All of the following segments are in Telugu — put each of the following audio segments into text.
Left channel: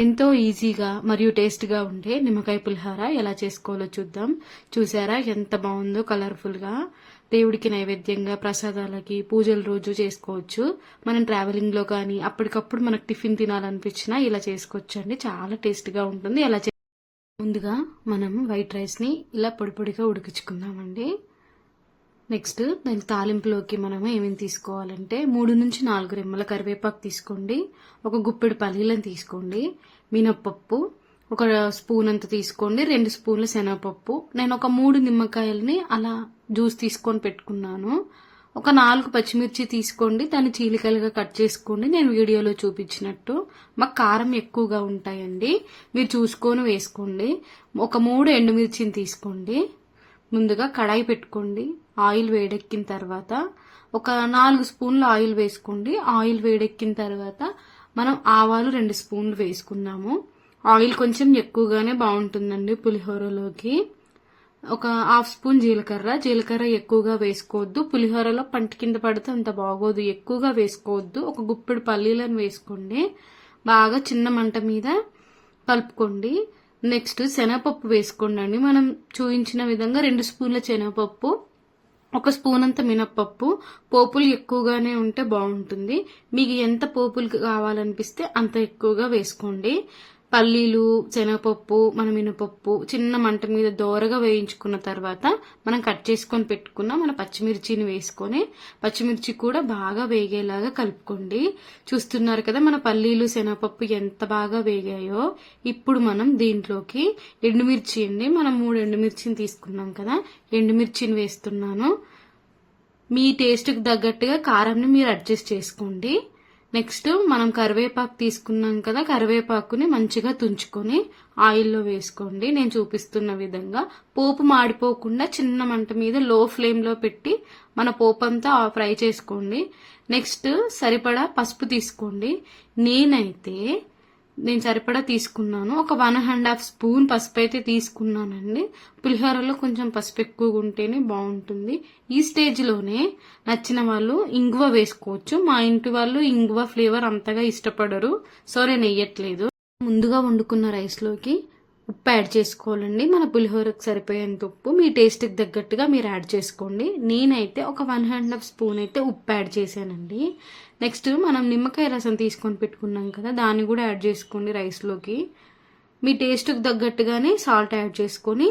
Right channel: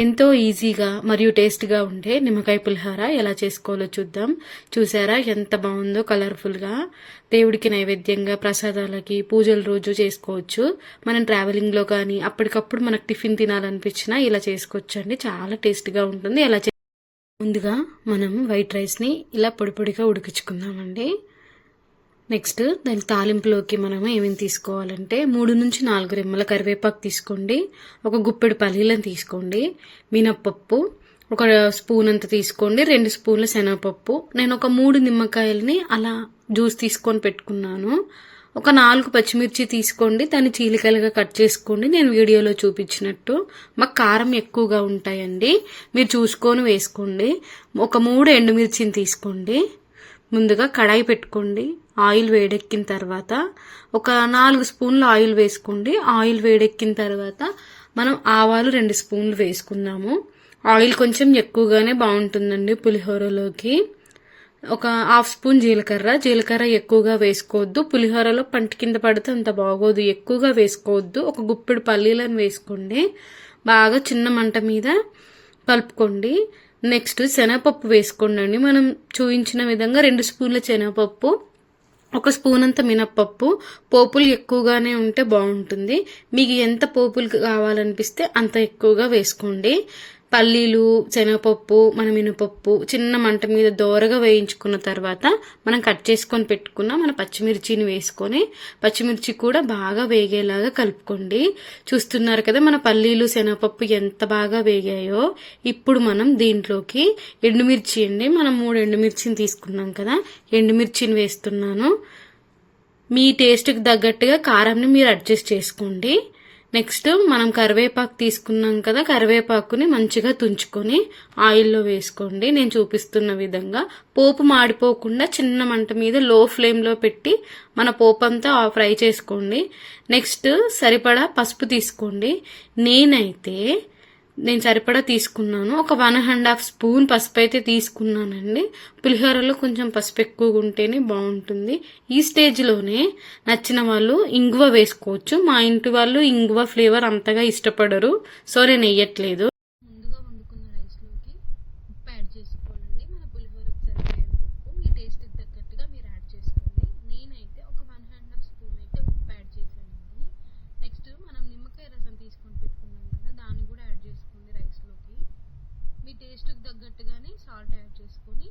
ఎంతో ఈజీగా మరియు టేస్ట్గా ఉండే నిమ్మకాయ పులిహోర ఎలా చేసుకోవాలో చూద్దాం. చూసారా ఎంత బాగుందో కలర్ఫుల్గా. దేవుడికి నైవేద్యంగా, ప్రసాదాలకి, పూజల రోజు చేసుకోవచ్చు. మనం ట్రావెలింగ్లో కానీ అప్పటికప్పుడు మనకు టిఫిన్ తినాలనిపించినా ఇలా చేసుకోవచ్చండి. చాలా టేస్ట్గా ఉంటుంది. ముందుగా మనం వైట్ రైస్ని ఇలా పొడి పొడిగా ఉడికించుకుందామండి. నెక్స్ట్ దాని తాలింపులోకి మనం ఏమేమి తీసుకోవాలంటే 3 నుంచి 4 రెమ్మల కరివేపాకు తీసుకోండి, ఒక గుప్పెడు పల్లీలను తీసుకోండి, మినప్పప్పు ఒక స్పూన్ అంత తీసుకోండి, 2 స్పూన్ల శనగపప్పు. నేను ఒక 3 నిమ్మకాయలని అలా జ్యూస్ తీసుకొని పెట్టుకున్నాను. ఒక 4 పచ్చిమిర్చి తీసుకోండి, దాన్ని చీలికలుగా కట్ చేసుకోండి. నేను వీడియోలో చూపించినట్టు. మాకు కారం ఎక్కువగా ఉంటాయండి, మీరు చూసుకొని వేసుకోండి. ఒక 3 ఎండుమిర్చిని తీసుకోండి. ముందుగా కడాయి పెట్టుకోండి. ఆయిల్ వేడెక్కిన తర్వాత ఒక 4 స్పూన్ల ఆయిల్ వేసుకోండి. ఆయిల్ వేడెక్కిన తర్వాత మనం ఆవాలు 2 స్పూన్లు వేసుకుందాము. ఆయిల్ కొంచెం ఎక్కువగానే బాగుంటుందండి పులిహోరలోకి. ఒక 1/2 స్పూన్ జీలకర్ర ఎక్కువగా వేసుకోవద్దు. పులిహోరలో పంట కింద పడితే అంత బాగోదు, ఎక్కువగా వేసుకోవద్దు. ఒక గుప్పెడు పల్లీలను వేసుకోండి. బాగా చిన్న మంట మీద కలుపుకోండి. నెక్స్ట్ శనగపప్పు వేసుకోండి. మనం చూపించిన విధంగా 2 స్పూన్ల శనగపప్పు, ఒక స్పూన్ అంత మినప్పప్పు. పోపులు ఎక్కువగానే ఉంటే బాగుంటుంది. మీకు ఎంత పోపులు కావాలనిపిస్తే అంత ఎక్కువగా వేసుకోండి. పల్లీలు, శనగపప్పు, మన మినపప్పు చిన్న మంట మీద దోరగా వేయించుకున్న తర్వాత మనం కట్ చేసుకొని పెట్టుకున్న మన పచ్చిమిర్చిని వేసుకొని పచ్చిమిర్చి కూడా బాగా వేగేలాగా కలుపుకోండి. చూస్తున్నారు కదా మన పల్లీలు, శనగపప్పు ఎంత బాగా వేగాయో. ఇప్పుడు మనం దీంట్లోకి ఎండుమిర్చి అండి, మనం 3 ఎండుమిర్చిని తీసుకున్నాం కదా, ఎండుమిర్చిని వేస్తున్నాను. మీ టేస్ట్కి తగ్గట్టుగా కారాన్ని మీరు అడ్జస్ట్ చేసుకోండి. నెక్స్ట్ మనం కరివేపాకు తీసుకున్నాం కదా, కరివేపాకుని మంచిగా తుంచుకొని ఆయిల్లో వేసుకోండి. నేను చూపిస్తున్న విధంగా పోపు మాడిపోకుండా చిన్న మంట మీద లో ఫ్లేమ్లో పెట్టి మన పోపు అంతా ఫ్రై చేసుకోండి. నెక్స్ట్ సరిపడా పసుపు తీసుకోండి. నేను సరిపడా తీసుకున్నాను. ఒక 1.5 స్పూన్ పసుపు అయితే తీసుకున్నానండి. పులిహోరలో కొంచెం పసుపు ఎక్కువగా ఉంటేనే బాగుంటుంది. ఈ స్టేజ్లోనే నచ్చిన వాళ్ళు ఇంగువ వేసుకోవచ్చు. మా ఇంటి వాళ్ళు ఇంగువ ఫ్లేవర్ అంతగా ఇష్టపడరు, సో నేను వేయట్లేదు. ముందుగా వండుకున్న రైస్లోకి ఉప్పు యాడ్ చేసుకోవాలండి. మన పులిహోరకు సరిపోయేంత ఉప్పు మీ టేస్ట్కి తగ్గట్టుగా మీరు యాడ్ చేసుకోండి. నేనైతే ఒక 1.5 స్పూన్ అయితే ఉప్పు యాడ్ చేశానండి. నెక్స్ట్ మనం నిమ్మకాయ రసం తీసుకొని పెట్టుకున్నాం కదా, దాన్ని కూడా యాడ్ చేసుకోండి రైస్లోకి. మీ టేస్ట్కి తగ్గట్టుగానే సాల్ట్ యాడ్ చేసుకొని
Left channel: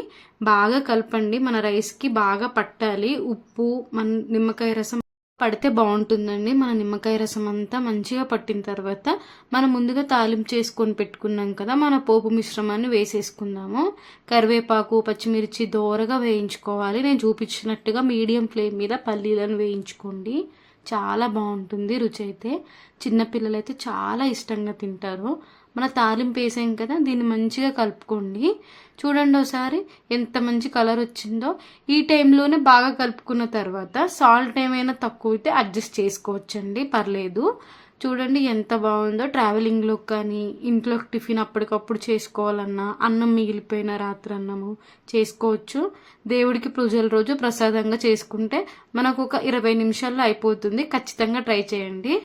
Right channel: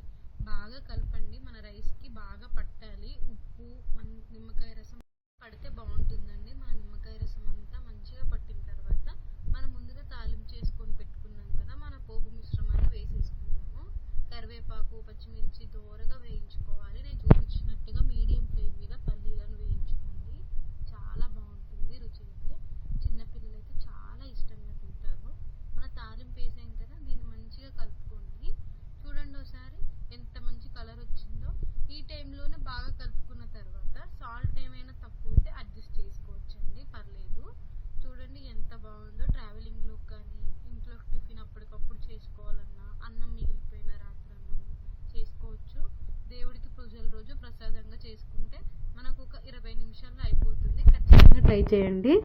బాగా కలపండి. మన రైస్కి బాగా పట్టాలి ఉప్పు, మన నిమ్మకాయ రసం పడితే బాగుంటుందండి. మన నిమ్మకాయ రసం అంతా మంచిగా పట్టిన తర్వాత మనం ముందుగా తాలింపు చేసుకొని పెట్టుకున్నాం కదా, మన పోపు మిశ్రమాన్ని వేసేసుకుందాము. కరివేపాకు, పచ్చిమిర్చి దోరగా వేయించుకోవాలి. నేను చూపించినట్టుగా మీడియం ఫ్లేమ్ మీద పల్లీలను వేయించుకోండి. చాలా బాగుంటుంది రుచి అయితే. చిన్నపిల్లలు అయితే చాలా ఇష్టంగా తింటారు. మన తాలింపు వేసాం కదా, దీన్ని మంచిగా కలుపుకోండి. చూడండి ఒకసారి ఎంత మంచి కలర్ వచ్చిందో. ఈ టైంలోనే బాగా కలుపుకున్న తర్వాత సాల్ట్ ఏమైనా తక్కువ అయితే అడ్జస్ట్ చేసుకోవచ్చండి, పర్లేదు. చూడండి ఎంత బాగుందో. ట్రావెలింగ్లో కానీ ఇంట్లో టిఫిన్ అప్పటికప్పుడు చేసుకోవాలన్నా, అన్నం మిగిలిపోయిన రాత్రి అన్నము చేసుకోవచ్చు. దేవుడికి పూజల రోజు ప్రసాదంగా చేసుకుంటే మనకు ఒక 20 నిమిషాల్లో అయిపోతుంది. ఖచ్చితంగా ట్రై చేయండి.